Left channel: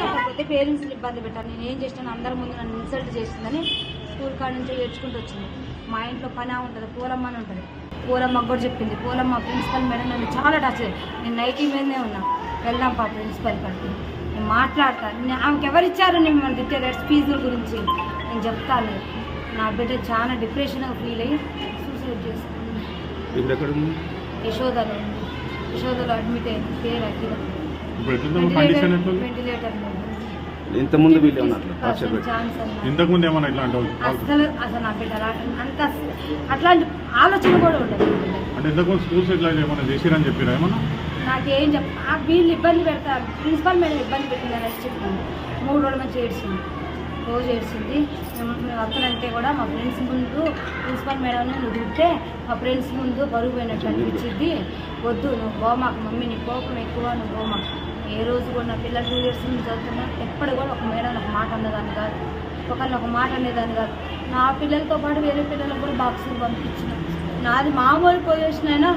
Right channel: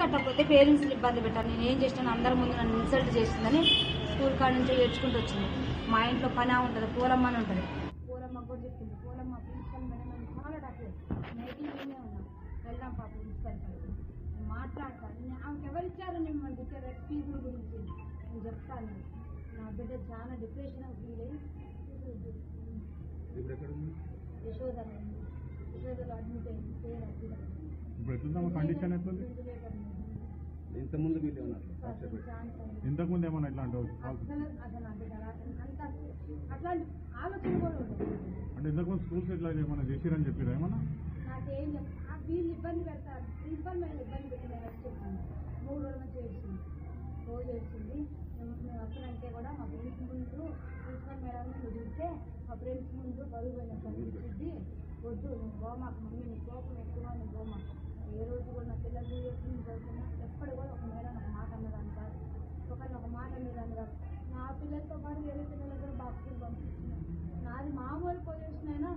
కట్టకపోతే పేరెంట్స్ ఇబ్బంది పెట్టారు. నేను ఏం చేసినాను, అందరి ముందు నన్ను ఇన్సల్ట్ చేసిందని స్కూల్ కాడ నుంచి ఏడ్చుకుంటూ వచ్చింది. మా ఇంట్లో పని ఉంటుంది, పూలమ్మ అని ఉంటుంది. పూలమ్మకు కూడా చెప్పింది. పూలమ్మ ప్రిన్సిపల్ మేడం నన్ను చాలా టచ్. నేను నైటీ మీదనే ఉన్నా. వెళ్దాం పా ప్రిన్సిపల్ కాడికి, నేను మాట్లాడతాను. ఆమెకి ఎవరిచ్చారు మిమ్మల్ని తిట్టే ఫీజుల గురించి నేను చెప్తాను. నా బిడ్డ చాలా డిప్రెషన్గా ఫీల్ అయ్యి సూసైడ్ చేస్తాను. యశోదలో అడ్మిట్ అయింది. పేరు అఖిల. వెంటిలేటర్ ఇంతకుముందు అసలు నా బిడ్డ అంత అట్లాంటి ఆలోచన కూడా ఉండదు. నాకేం వీళ్ళు ఇబ్బంది పెడతారు, ప్రిన్సిపల్ మేడం ఇబ్బంది పెట్టిందని చెప్పింది. 3 రోజుల నుంచి ఏడ్చింది, రోజు ఏడ్చింది. అక్కడంటే కూడా మా ఫ్రెండ్స్ ముందు ప్రిన్సిపల్ మేడం నువ్వు తింటే మా ఫ్రెండ్స్ ముందు బరువు పోయినట్టు అనిపించింది. వద్దు, నువ్వు పోమాకు మమ్మీ, నీ కోపం ఎక్కువ, నువ్వు పోమాకు. ఏ రోజు కూడా నా పిల్లలు 2 years నుంచి చదువుతున్నా ఎప్పుడు కూడా ఒక మేడం ఒక మాట అన్నదాన్ని కాదు, ఒకరిని ఒక మాట అనేదాన్ని కాదు. నా పిల్లలతో పాటు వేరే పిల్లలకు కూడా బాక్సులు పంపించిన. నాది మామూలు పొజిషన్ అయినా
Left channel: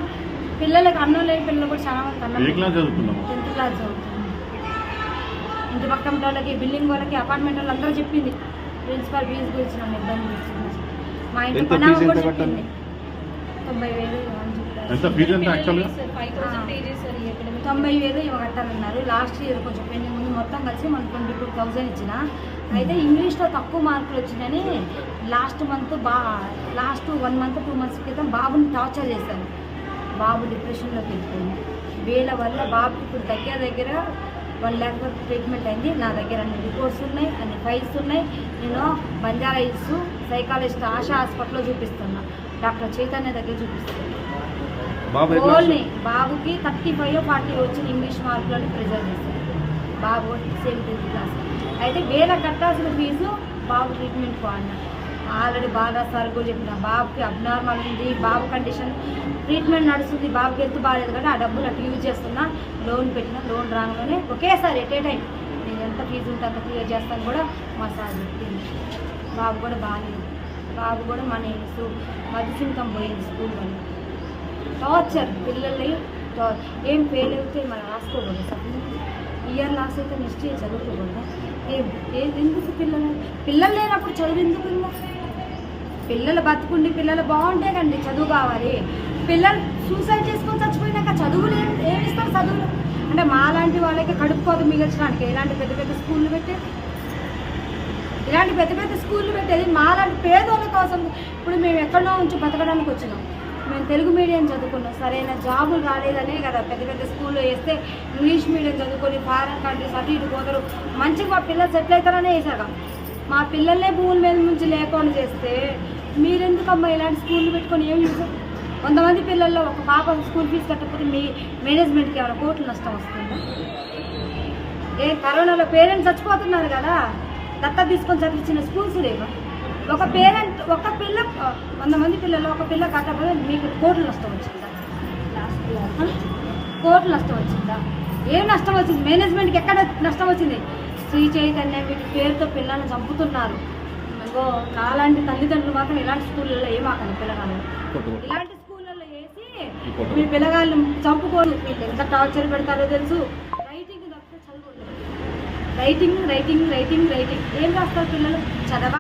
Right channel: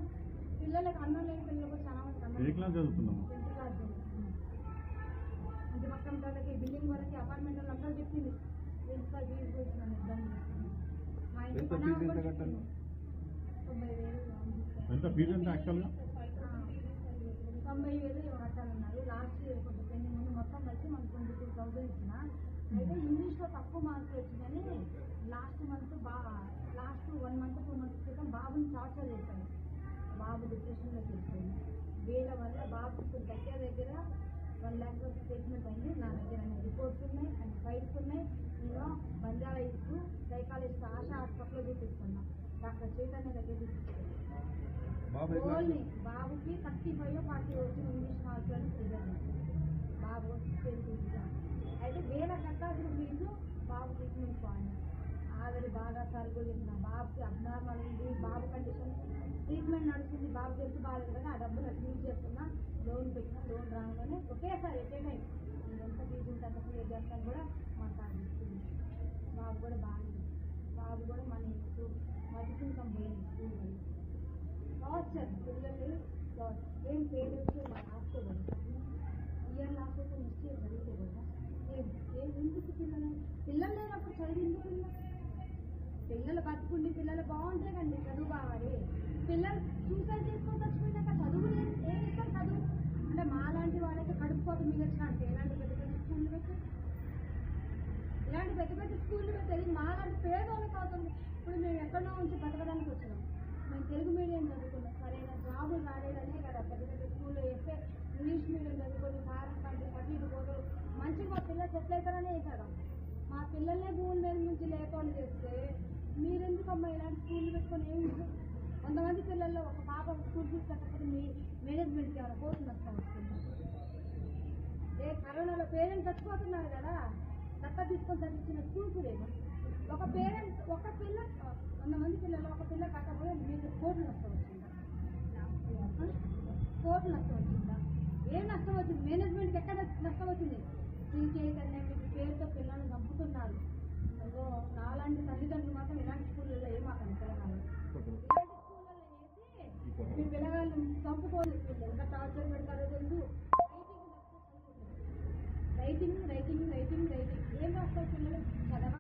పిల్లలకు అన్నం లేని పిల్లలు కూడా చాలా మంది అన్నం. 10th క్లాస్ చదువుతుంది. ఇంటి పక్కన వాళ్ళకి, బిల్డింగ్ వాళ్ళకి, అపార్ట్మెంట్ వాళ్ళు అందరూ చెప్పింది ప్రిన్సిపల్ ఫీజు గురించి నన్ను ఇబ్బంది చేస్తుంది. మా ఇంటి పని కూడా చెప్పింది. 90,000 ఇవి కట్టాలన్నారు. లాస్ట్ ఇయర్ కొంచెం పెండింగ్ ముందు మొత్తం కలిసి మనకు 22,000 ఇచ్చిన. అయితే ఇంగ్లీష్లో తక్కువ మార్కులు వచ్చినాయని లాస్ట్ 1 month 2 months క్రితం బాబుని టార్చర్ చేశాను. బాబు డిప్రెషన్లోకి వెళ్ళిపోయింది. వీళ్ళ వల్ల బాబుకి ఇప్పుడు దగ్గర 1 lakh వరకు ట్రీట్మెంట్ అయింది. నా దగ్గర అన్ని రిపోర్ట్స్ ఉన్నాయి, అన్ని ఫైల్స్ ఉన్నాయి. నేను బంజారా హిల్స్ సైకాలజిస్ట్ ఆశా హాస్పిటల్లో చూపిస్తున్నా, డాక్టర్ చైతన్య దగ్గర చూపిస్తున్నాను. ఓన్లీ బాబుకి 35 or 40 వచ్చిన ఇంగ్లీష్ మార్కులని ప్రిజర్వ్ చేశారు. బాబు 7th క్లాస్. అయితే వేరే కట్టాల్సిన ఫీజు బాబు ట్రీట్మెంట్ అన్నా. ఆల్రెడీ బాగా సార్ కూడా చెప్పిన, బాబుకి అబ్నార్మల్ ఉంది, బాబు కండిషన్ ట్రీట్మెంట్ నడుస్తుంది, బాబుకి హెల్త్ బాగాలేదు కానీ ఆ డబ్బులు అటు యూజ్ చేస్తున్నా. లోన్ పెట్టిన, లోన్ రాగానే ఒకేసారి ఎట్ ఏ టైం నేను ఎంత ఫీజు ఉంటే అంత క్లియర్ చేస్తాను కూడా మా సార్ చెప్పింది. బాబు కూడా బాగాలేదు. బాబు కూడా మన మధ్యసింకం పోయింది స్కూల్ వల్ల. టార్చర్ పిల్లల్ని ఏం ఫెయిల్ అయితే మనం రాసుకోకూడదు. సార్ ఇయర్ లాస్ అయితే నెక్స్ట్ ఇయర్ చదువుకోకూడదు. ఎందుకు పిల్లలు లేనప్పుడు చదువు ఎందుకు? పిల్లలు బతుకుండి పిల్లలు బాగుంటే కండి చదువు కావాలి. పిల్లలు సూసైడ్ చేసుకొని చచ్చిపోయినాక చదువులు ఏమిస్తారు? చదువులు అంటే మాలాంటి వాళ్ళకి కడుపు కోత మిగల్చడానికి ఇలాంటి పెద్ద పెద్ద స్కూళ్ళు పెట్టేది మాలాంటి పేదోళ్ళ కోసం. ఇప్పుడు మేము ఎక్కడో ఉంచి బతకడానికి వచ్చినాం. మేము తెలుగు మీడియం చదువుకున్నాం, సరైన జాబులు రాలేదనే కదా పెద్ద పెద్ద స్కూల్లో వేస్తే ఇంగ్లీష్ మీడియం చదువుకొని ఫారెన్ కంట్రీస్ అటు ఇటు పోతారు, మంచిగా మా పిల్లలు సెటిల్ అవుతారనే వేసాక మా పిల్లలనే భూముల మీద నుంచి లేకుండా చేస్తే మీరెందుకమ్మా ఇలాంటి స్కూళ్ళు పెట్టుకొని ఏం యూజ్? 100 మంది పిల్లల్లో ఒక పాప స్కూల్ ఫీజు కట్టకపోతే మీ మేనేజ్మెంట్కి ఏమైనా కోట్లు నష్టం వస్తుందా? కరోనాలో పేరెంట్స్ చచ్చిపోతున్నారు కదా, దత్తత తీసుకొని చదివించిన స్కూల్స్ లేవా? ఒక పిల్ల 100 మంది పిల్లలు ఒక పిల్ల కట్టకపోతే మీకు కోట్లు నష్టం వచ్చిందా? కోట్లు నష్టం వచ్చిందా? ఏం నష్టం వచ్చింది? మేనేజ్మెంట్కి ఎక్కడ నష్టం వచ్చింది? శ్రీ చైతన్య వీటి పేరుతో పిల్లల్ని చంపుతున్నారు. నాలాంటి తల్లిదండ్రులు మాత్రం ఇలాంటి స్కూళ్ళల్లో ఏమాకండి పిల్లగాళ్ళు. ఇలాంటి స్కూళ్ళల్లో వేసి మీ పిల్లగాళ్ళు చంపుకోరు. మీకు ఎంత టార్చర్ పెడతారో తెలుసు. రైటింగ్ తప్పితే చదువుకోలేదు. రైటింగ్ ఏం రాస్తారు పిల్లలు? చదవ